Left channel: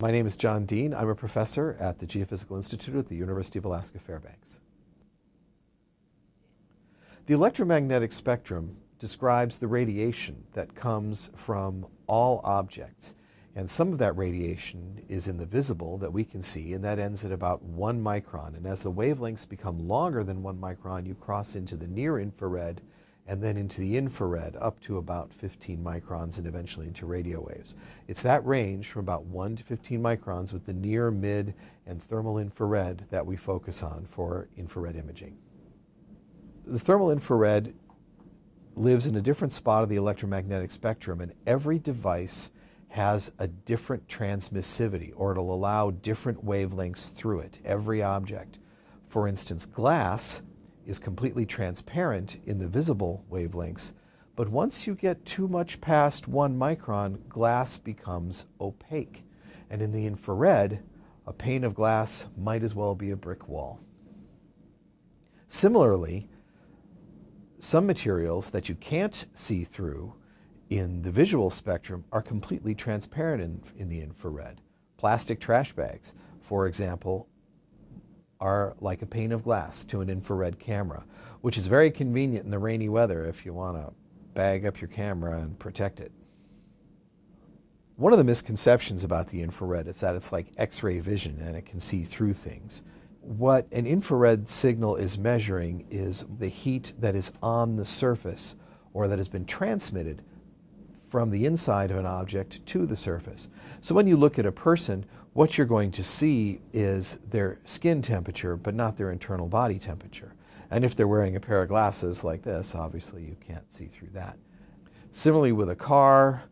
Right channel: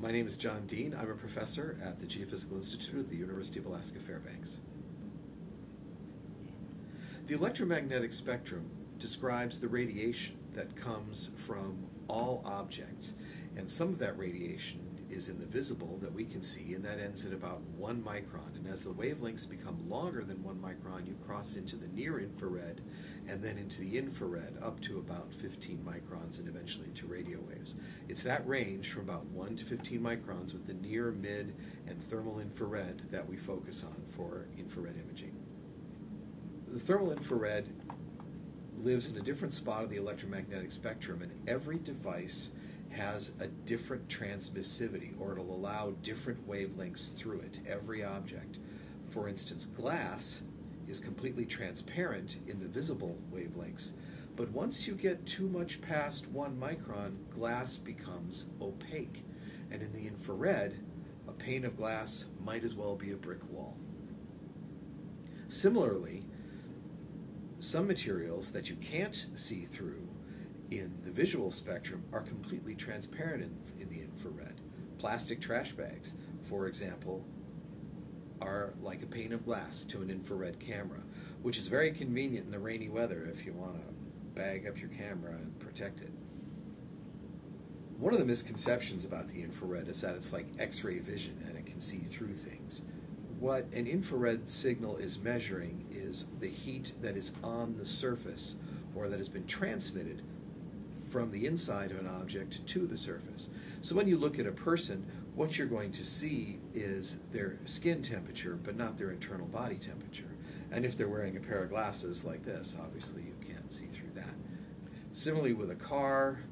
My name is John Dehn. I'm a professor at the Geophysical Institute at the University of Alaska Fairbanks. The electromagnetic spectrum describes the radiation that comes from all objects, and some of that radiation is in the visible that we can see, and that ends at about 1 micron. And as the wavelengths become longer than 1 micron, you cross into the near infrared and then into the infrared up to about 15 microns and eventually into radio waves. It's that range from about 1 to 15 microns with the near, mid, and thermal infrared that we focus on for infrared imaging. The thermal infrared lives in a different spot of the electromagnetic spectrum, and every device has a different transmissivity, or it'll allow different wavelengths through it, every object. For instance, glass is completely transparent in the visible wavelengths, but once you get too much past 1 micron, glass becomes opaque. And in the infrared, a pane of glass might as well be a brick wall. Similarly, some materials that you can't see through in the visual spectrum are completely transparent in the infrared. Plastic trash bags, for example, are like a pane of glass to an infrared camera, which is very convenient in the rainy weather if you want to bag up your camera and protect it. One of the misconceptions about the infrared is that it's like X-ray vision and it can see through things. What an infrared signal is measuring is the heat that is on the surface or that has been transmitted from the inside of an object to the surface. So when you look at a person, what you're going to see is their skin temperature, but not their internal body temperature. And if they're wearing a pair of glasses like this, obviously you can't see through that. Similarly with a car,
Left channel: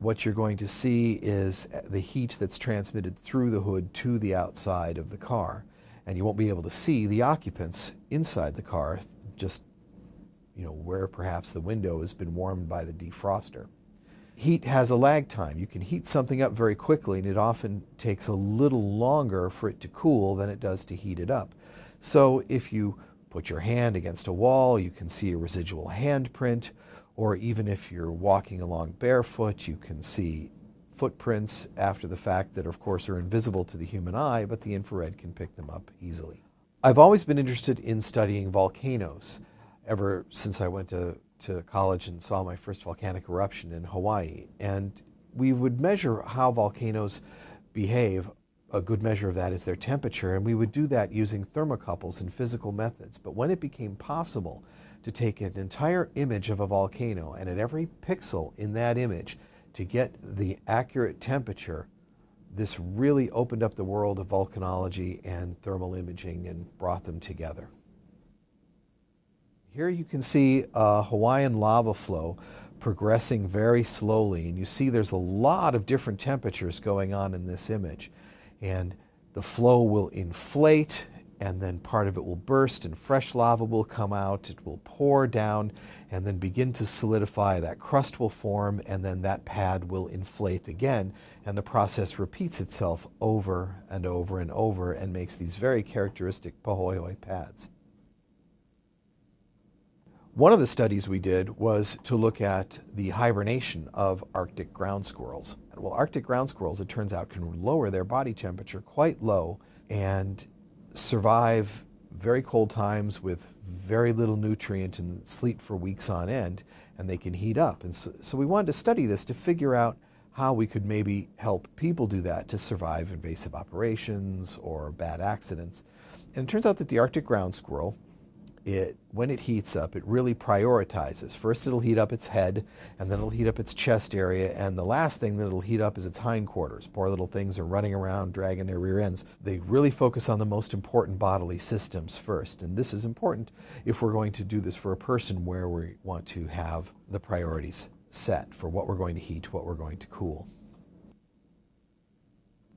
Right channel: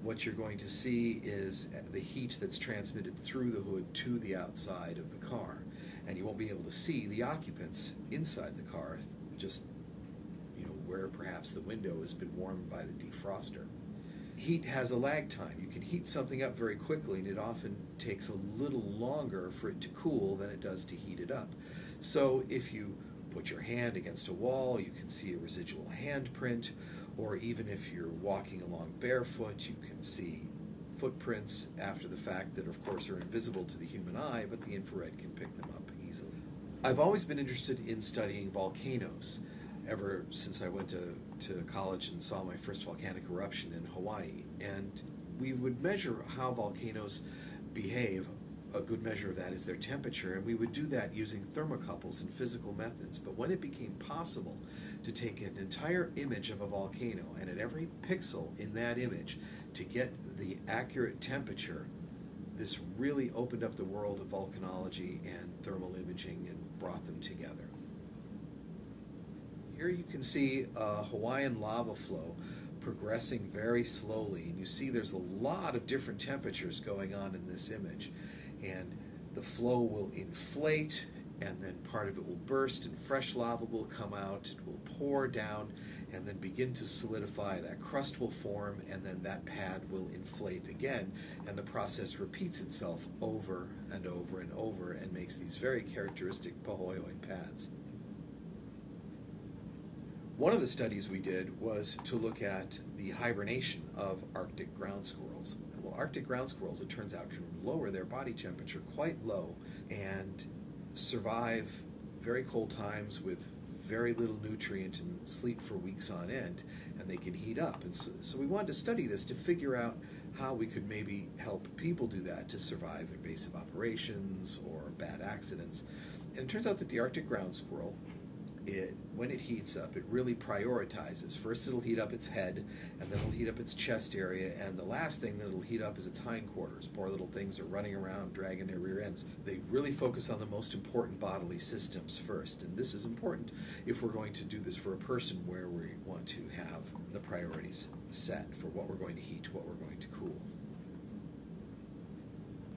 what you're going to see is the heat that's transmitted through the hood to the outside of the car. And you won't be able to see the occupants inside the car, just where perhaps the window has been warmed by the defroster. Heat has a lag time. You can heat something up very quickly, and it often takes a little longer for it to cool than it does to heat it up. So if you put your hand against a wall, you can see a residual handprint, or even if you're walking along barefoot, you can see footprints after the fact that, of course, are invisible to the human eye, but the infrared can pick them up easily. I've always been interested in studying volcanoes, ever since I went to college and saw my first volcanic eruption in Hawaii. And we would measure how volcanoes behave. A good measure of that is their temperature, and we would do that using thermocouples and physical methods. But when it became possible to take an entire image of a volcano and at every pixel in that image to get the accurate temperature, this really opened up the world of volcanology and thermal imaging and brought them together. Here you can see a Hawaiian lava flow progressing very slowly, and you see there's a lot of different temperatures going on in this image. And the flow will inflate, and then part of it will burst, and fresh lava will come out. It will pour down and then begin to solidify. That crust will form, and then that pad will inflate again. And the process repeats itself over and over and over and makes these very characteristic pahoehoe pads. One of the studies we did was to look at the hibernation of Arctic ground squirrels. Well, Arctic ground squirrels, it turns out, can lower their body temperature quite low and survive very cold times with very little nutrient and sleep for weeks on end, and they can heat up. And so we wanted to study this to figure out how we could maybe help people do that to survive invasive operations or bad accidents. And it turns out that the Arctic ground squirrel, when it heats up, it really prioritizes. First it'll heat up its head, and then it'll heat up its chest area, and the last thing that it'll heat up is its hindquarters. Poor little things are running around, dragging their rear ends. They really focus on the most important bodily systems first, and this is important if we're going to do this for a person where we want to have the priorities set for what we're going to heat, what we're going to cool.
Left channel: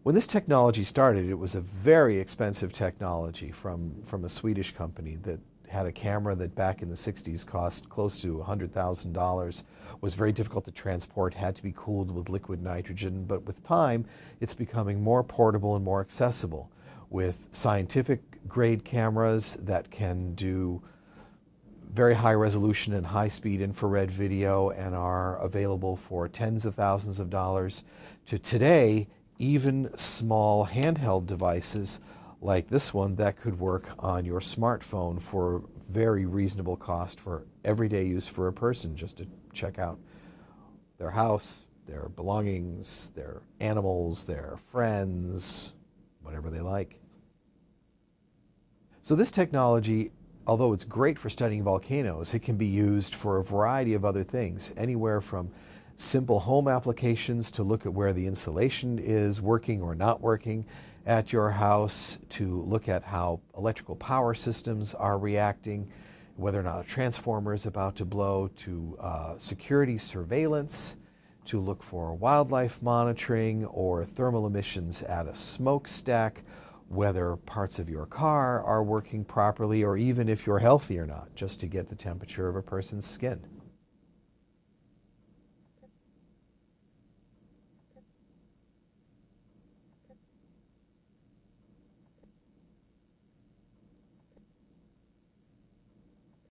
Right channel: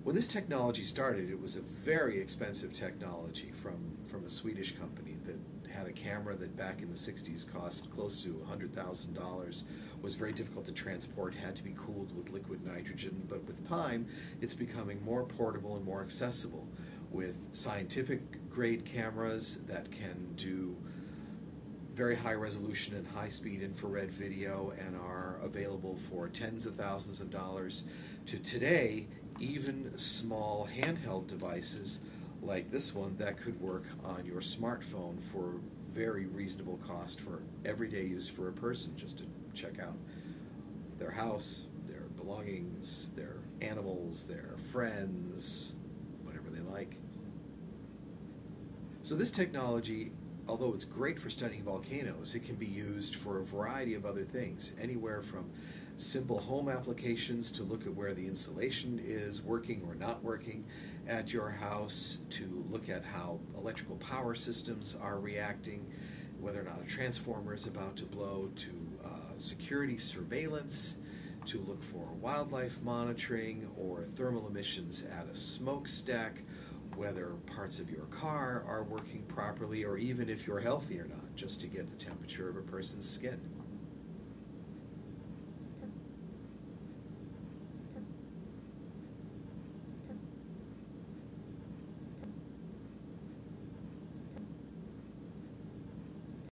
When this technology started, it was a very expensive technology from a Swedish company that had a camera that back in the 60s cost close to $100,000, was very difficult to transport, had to be cooled with liquid nitrogen, but with time it's becoming more portable and more accessible with scientific grade cameras that can do very high resolution and high speed infrared video and are available for tens of thousands of dollars, to today even small handheld devices like this one that could work on your smartphone for very reasonable cost for everyday use for a person, just to check out their house, their belongings, their animals, their friends, whatever they like. So this technology, although it's great for studying volcanoes, it can be used for a variety of other things, anywhere from simple home applications to look at where the insulation is working or not working at your house, to look at how electrical power systems are reacting, whether or not a transformer is about to blow, to security surveillance, to look for wildlife monitoring or thermal emissions at a smokestack, whether parts of your car are working properly, or even if you're healthy or not, just to get the temperature of a person's skin.